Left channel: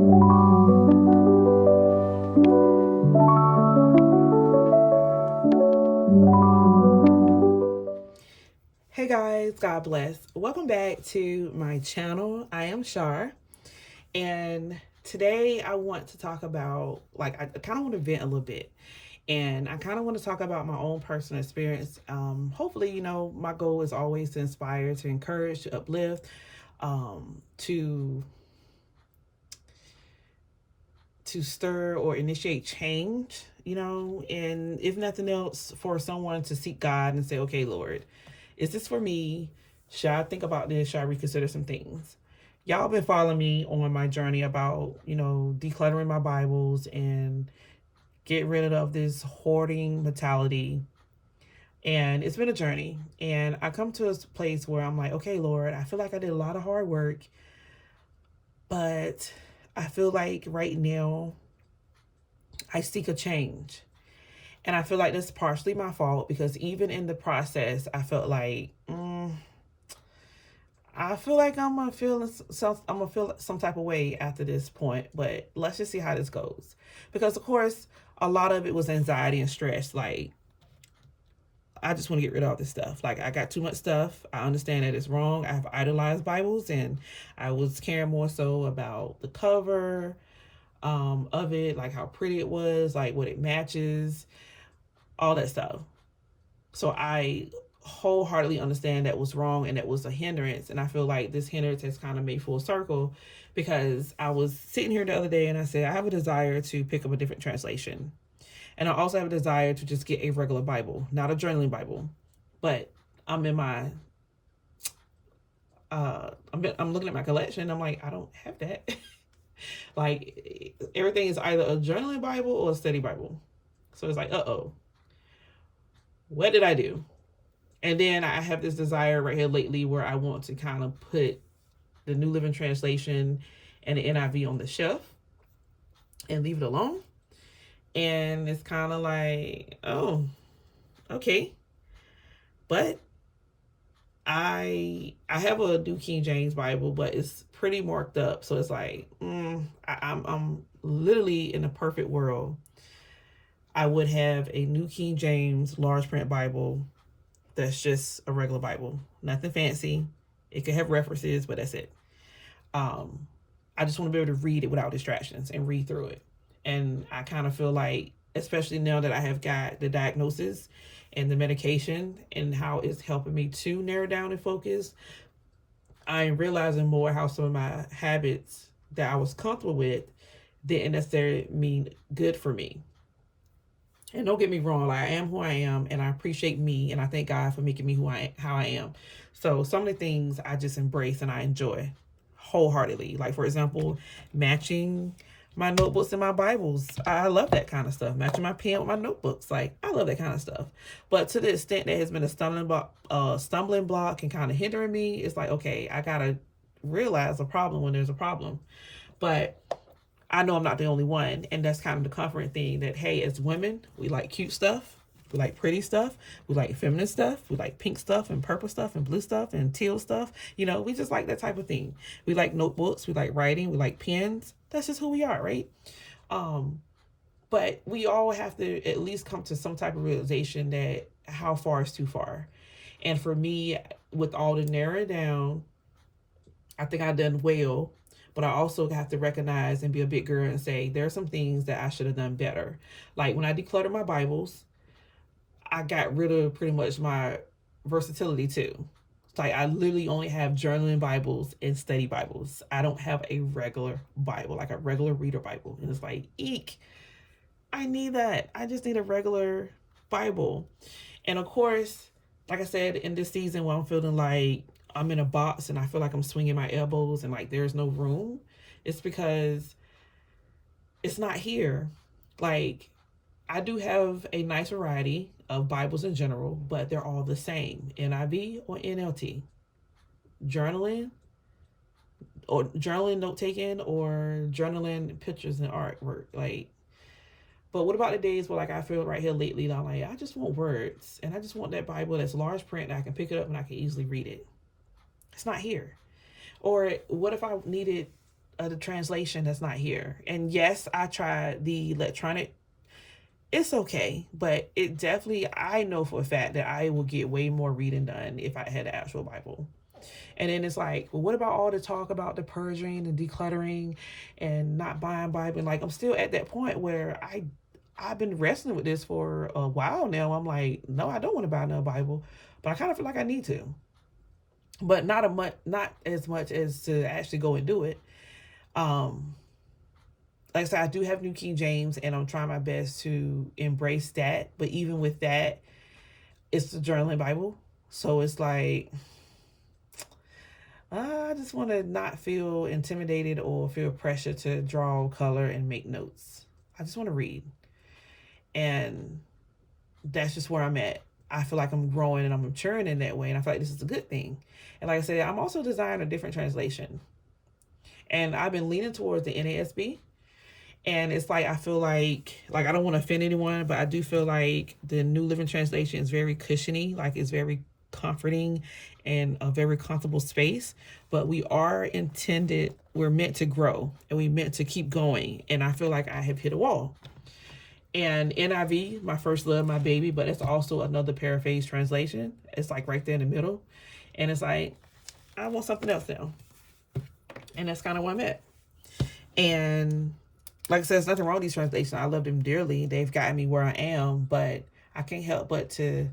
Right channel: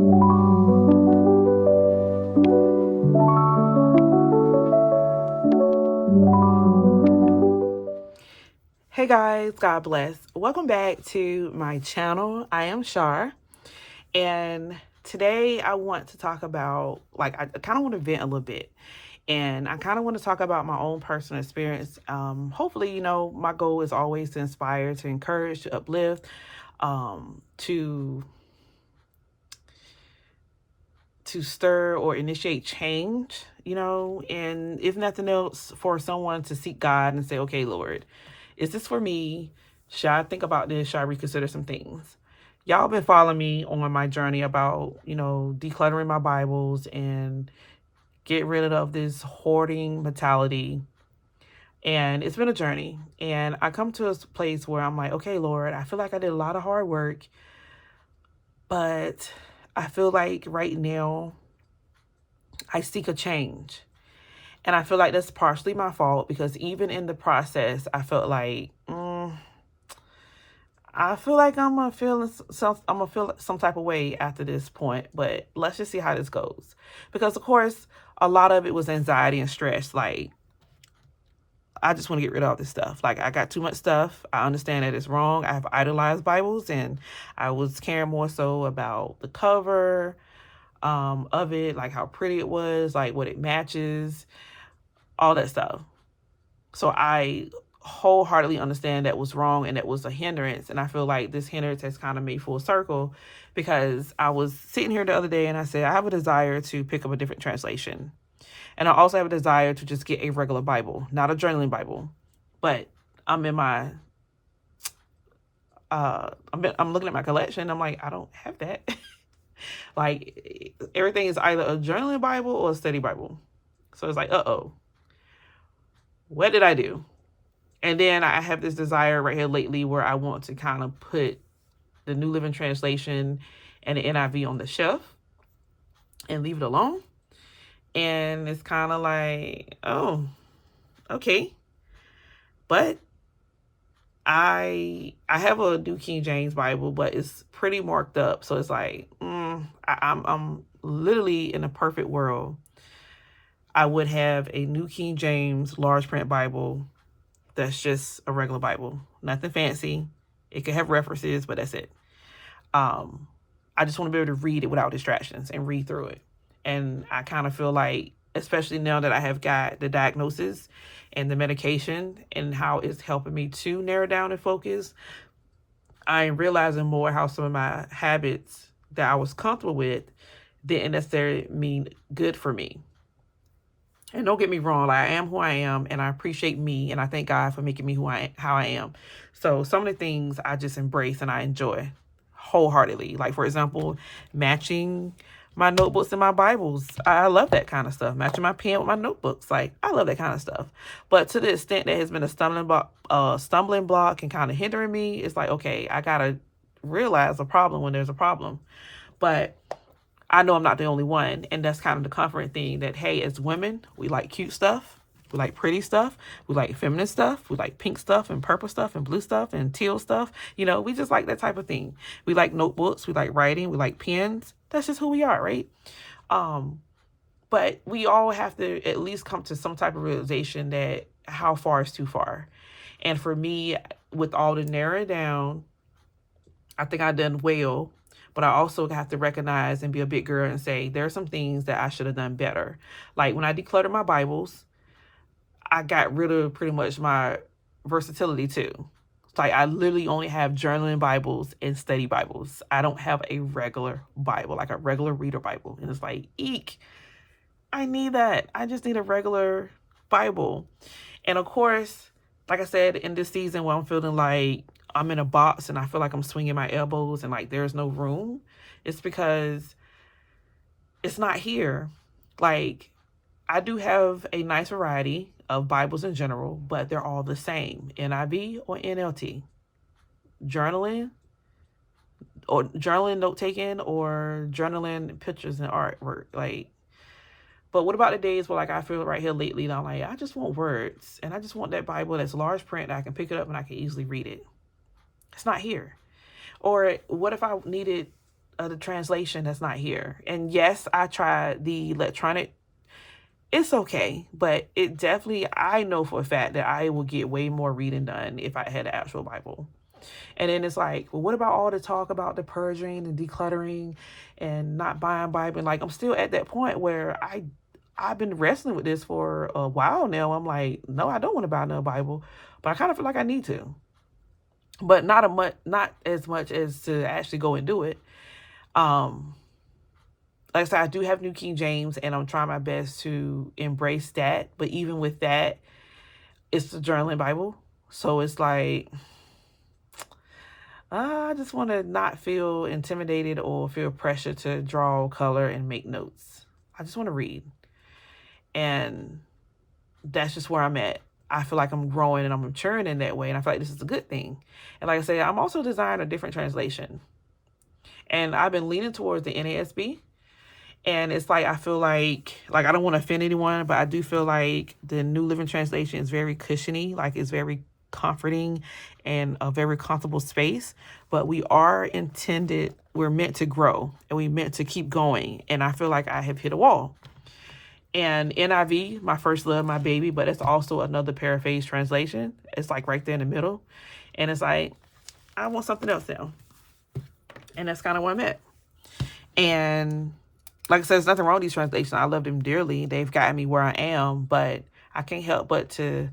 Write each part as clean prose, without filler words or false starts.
Hey guys, God bless. Welcome back to my channel. I am Char, and today I want to talk about, I kind of want to vent a little bit, and I kind of want to talk about my own personal experience. Hopefully, my goal is always to inspire, to encourage, to uplift, to stir or initiate change, and if nothing else, for someone to seek God and say, okay, Lord, is this for me? Should I think about this? Should I reconsider some things? Y'all been following me on my journey about, decluttering my Bibles and get rid of this hoarding mentality. And it's been a journey. And I come to a place where I'm like, okay, Lord, I feel like I did a lot of hard work, but I feel like right now I seek a change. And I feel like that's partially my fault, because even in the process, I felt like, I feel like I'm gonna feel some type of way after this point. But let's just see how this goes, because of course a lot of it was anxiety and stress. Like, I just want to get rid of all this stuff. Like, I got too much stuff. I understand that it's wrong. I have idolized Bibles, and I was caring more so about the cover of it, like how pretty it was, like what it matches, all that stuff. So I wholeheartedly understand that was wrong and that was a hindrance. And I feel like this hindrance has kind of made full circle, because I was sitting here the other day and I said, I have a desire to pick up a different translation. And I also have a desire to just get a regular Bible, not a journaling Bible. But I'm in my, I'm looking at my collection. I'm like, I don't have that. Like, everything is either a journaling Bible or a study Bible. So it's like, uh-oh, what did I do? And then I have this desire right here lately where I want to kind of put the New Living Translation and the NIV on the shelf and leave it alone. And it's kind of like, oh, okay. But I have a New King James Bible, but it's pretty marked up. So it's like, I'm literally in a perfect world, I would have a New King James large print Bible that's just a regular Bible, nothing fancy. It could have references, but that's it. I just want to be able to read it without distractions and read through it. And I kind of feel like, especially now that I have got the diagnosis and the medication and how it's helping me to narrow down and focus, I am realizing more how some of my habits that I was comfortable with didn't necessarily mean good for me. And don't get me wrong, I am who I am, and I appreciate me, and I thank God for making me how I am. So some of the things I just embrace and I enjoy wholeheartedly. Like, for example, matching my notebooks and my Bibles. I love that kind of stuff. Matching my pen with my notebooks. Like, I love that kind of stuff. But to the extent that has been a stumbling block and kind of hindering me, it's like, okay, I gotta realize a problem when there's a problem. But I know I'm not the only one, and that's kind of the comforting thing, that, hey, as women, we like cute stuff, we like pretty stuff, we like feminine stuff, we like pink stuff and purple stuff and blue stuff and teal stuff. We just like that type of thing. We like notebooks, we like writing, we like pens. That's just who we are, right? But we all have to at least come to some type of realization that how far is too far. And for me, with all the narrowing down, I think I've done well. But I also have to recognize and be a big girl and say, there are some things that I should have done better. Like, when I decluttered my Bibles, I got rid of pretty much my versatility too. Like, I literally only have journaling Bibles and study Bibles. I don't have a regular Bible, like a regular reader Bible. And it's like, eek, I need that. I just need a regular Bible. And of course, like I said, in this season where I'm feeling like I'm in a box and I feel like I'm swinging my elbows and like there's no room, it's because it's not here. Like, I do have a nice variety of Bibles in general, but they're all the same, NIV or NLT, journaling note taking, or journaling pictures and artwork. Like, but what about the days where, like, I feel right here lately that I'm like, I just want words, and I just want that Bible that's large print that I can pick it up and I can easily read it. It's not here. Or what if I needed of the translation that's not here. And yes, I tried the electronic. It's okay, but it definitely, I know for a fact that I will get way more reading done if I had an actual Bible. And then it's like, well, what about all the talk about the purging and decluttering and not buying Bible? And like, I'm still at that point where I've been wrestling with this for a while now. I'm like, no, I don't want to buy another Bible, but I kind of feel like I need to, but not as much as to actually go and do it. Like I said, I do have New King James, and I'm trying my best to embrace that. But even with that, it's the journaling Bible. So it's like, I just want to not feel intimidated or feel pressure to draw, color, and make notes. I just want to read. And that's just where I'm at. I feel like I'm growing and I'm maturing in that way. And I feel like this is a good thing. And like I said, I'm also designing a different translation. And I've been leaning towards the NASB. And it's like, I feel like I don't want to offend anyone, but I do feel like the New Living Translation is very cushiony, like it's very comforting and a very comfortable space. But we're meant to grow, and we're meant to keep going. And I feel like I have hit a wall. And NIV, my first love, my baby, but it's also another paraphrase translation. It's like right there in the middle. And it's like, I want something else now. And that's kind of where I'm at. And like I said, there's nothing wrong with these translations. I love them dearly. They've gotten me where I am, but I can't help but to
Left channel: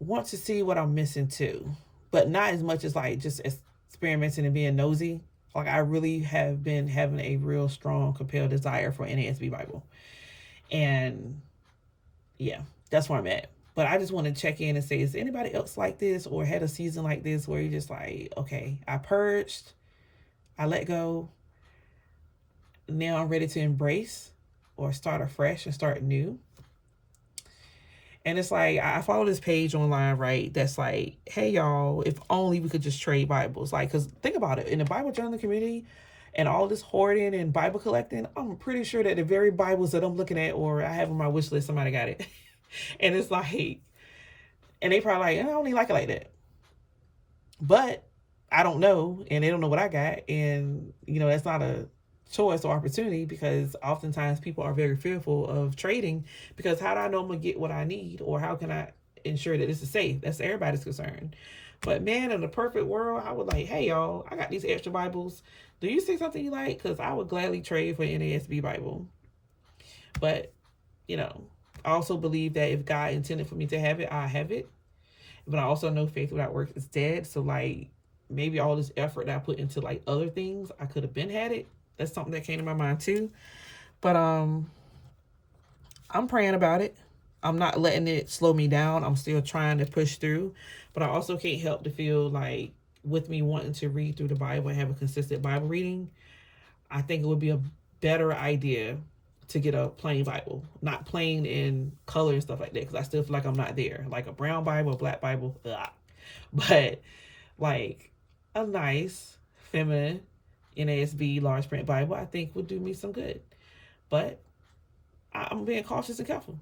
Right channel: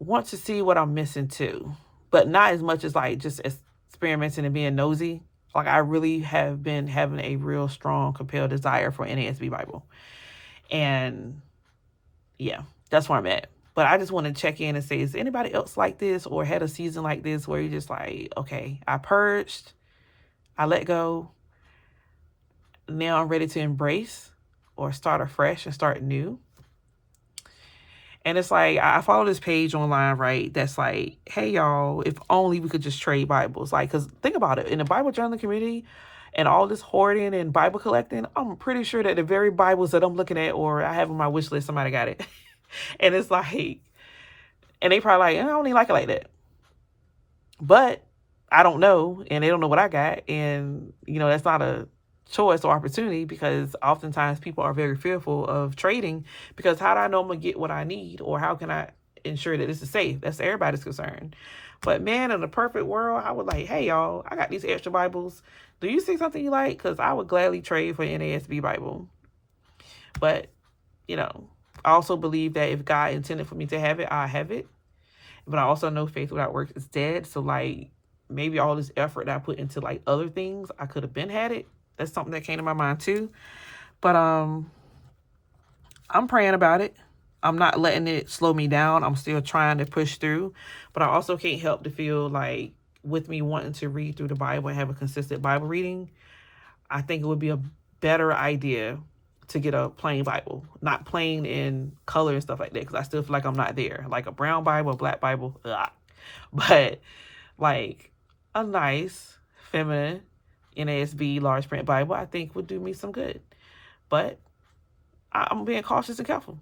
want to see what I'm missing too. But not as much as like just experimenting and being nosy. Like, I really have been having a real strong, compelled desire for NASB Bible. And yeah, that's where I'm at. But I just want to check in and say, is anybody else like this or had a season like this where you're just like, okay, I purged, I let go. Now I'm ready to embrace or start afresh and start new. And it's like, I follow this page online, right? That's like, hey, y'all, if only we could just trade Bibles. Like, because think about it. In the Bible journaling community and all this hoarding and Bible collecting, I'm pretty sure that the very Bibles that I'm looking at or I have on my wish list, somebody got it. And it's like, and they probably like, I don't even like it like that. But I don't know. And they don't know what I got. And, that's not a choice or opportunity, because oftentimes people are very fearful of trading, because how do I know I'm gonna get what I need, or how can I ensure that this is safe? That's everybody's concern. But man, in a perfect world, I would like, hey y'all, I got these extra Bibles. Do you see something you like? Because I would gladly trade for an NASB Bible. But I also believe that if God intended for me to have it, I have it. But I also know faith without works is dead. So like, maybe all this effort that I put into like other things, I could have been had it. That's something that came to my mind too. But I'm praying about it. I'm not letting it slow me down. I'm still trying to push through. But I also can't help to feel like, with me wanting to read through the Bible and have a consistent Bible reading, I think it would be a better idea to get a plain Bible. Not plain in color and stuff like that, because I still feel like I'm not there. Like a brown Bible, a black Bible, ugh. But like a nice, feminine, NASB large print Bible, I think would do me some good. But I'm being cautious and careful.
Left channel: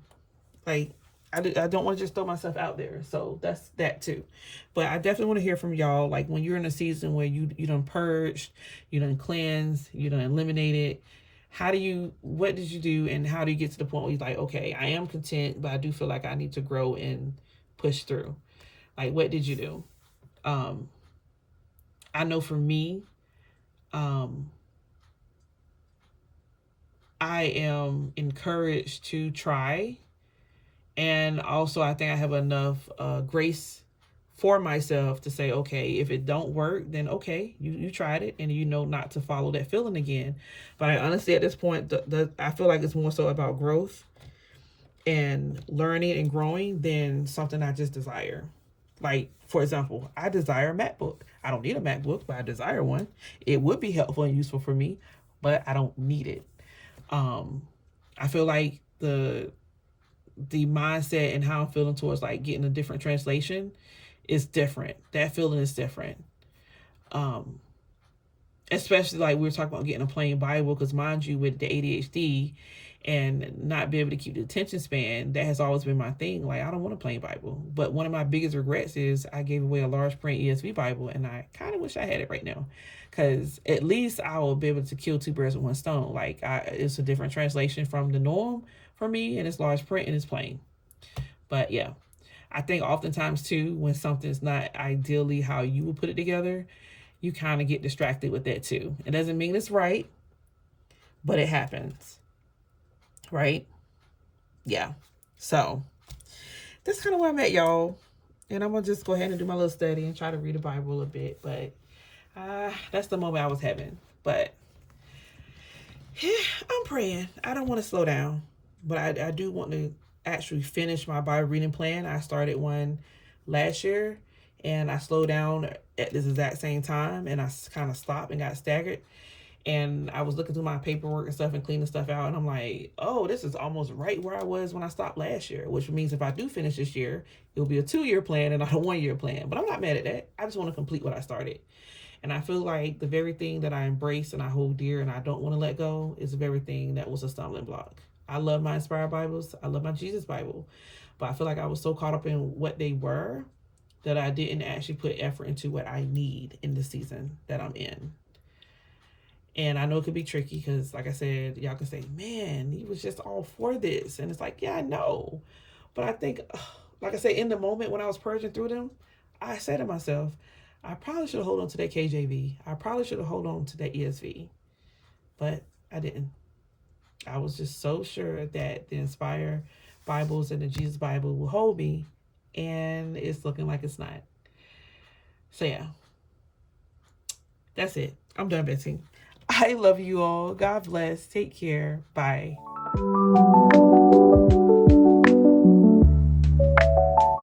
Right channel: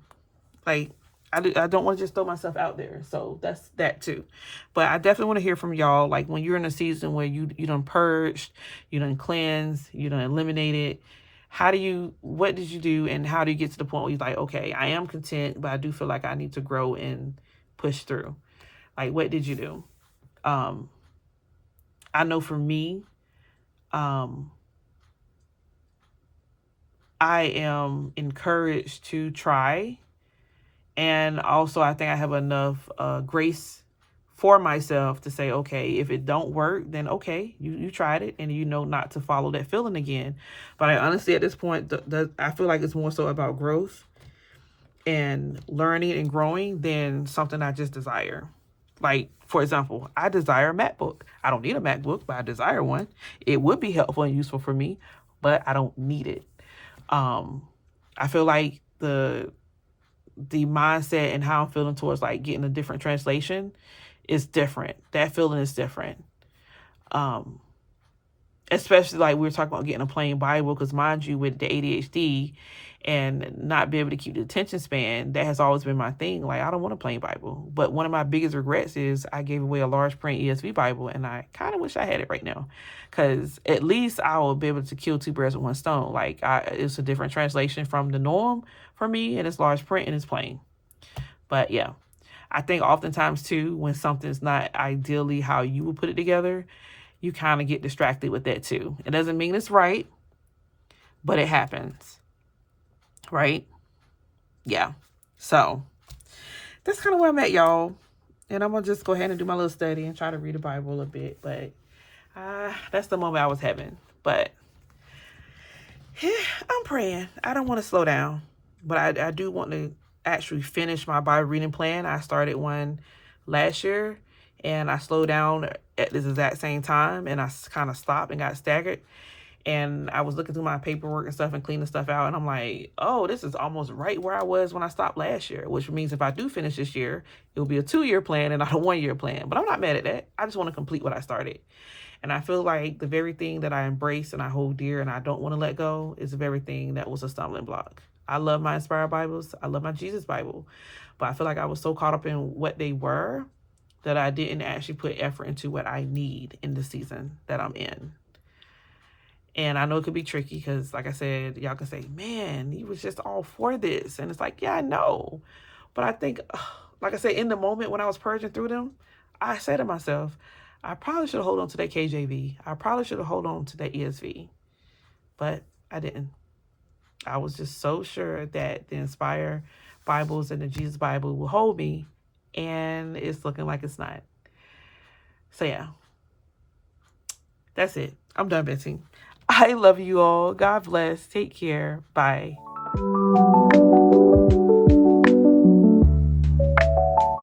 Like, I don't want to just throw myself out there. So that's that too. But I definitely want to hear from y'all. Like, when you're in a season where you done purged, you done cleansed, you done eliminated, what did you do, and how do you get to the point where you're like, okay, I am content, but I do feel like I need to grow and push through? Like, what did you do? I know for me, I am encouraged to try. And also, I think I have enough grace for myself to say, okay, if it don't work, then okay, you tried it, and not to follow that feeling again. But I honestly, at this point, I feel like it's more so about growth and learning and growing than something I just desire. Like, for example, I desire a MacBook. I don't need a MacBook, but I desire one. It would be helpful and useful for me, but I don't need it. I feel like the mindset and how I'm feeling towards like getting a different translation is different. That feeling is different. Especially like we were talking about getting a plain Bible, because mind you, with the ADHD and not be able to keep the attention span. That has always been my thing. Like, I don't want a plain Bible. But one of my biggest regrets is I gave away a large print ESV Bible, and I kind of wish I had it right now, because at least I will be able to kill two birds with one stone. Like, it's a different translation from the norm for me, and it's large print and it's plain. But yeah, I think oftentimes too, when something's not ideally how you would put it together, you kind of get distracted with that too. It doesn't mean it's right, but it happens, right? Yeah. So that's kind of where I'm at, y'all. And I'm going to just go ahead and do my little study and try to read the Bible a bit. But that's the moment I was having. But I'm praying. I don't want to slow down. But I do want to actually finish my Bible reading plan. I started one last year, and I slowed down at this exact same time. And I kind of stopped and got staggered. And I was looking through my paperwork and stuff and cleaning stuff out. And I'm like, oh, this is almost right where I was when I stopped last year. Which means if I do finish this year, it will be a 2-year plan and not a 1-year plan. But I'm not mad at that. I just want to complete what I started. And I feel like the very thing that I embrace and I hold dear and I don't want to let go is the very thing that was a stumbling block. I love my inspired Bibles. I love my Jesus Bible. But I feel like I was so caught up in what they were that I didn't actually put effort into what I need in the season that I'm in. And I know it could be tricky because, like I said, y'all can say, man, he was just all for this. And it's like, yeah, I know. But I think, like I said, in the moment when I was purging through them, I said to myself, I probably should have held on to that KJV. I probably should have held on to that ESV. But I didn't. I was just so sure that the Inspired Bibles and the Jesus Bible will hold me. And it's looking like it's not. So, yeah. That's it. I'm done venting. I love you all. God bless. Take care. Bye.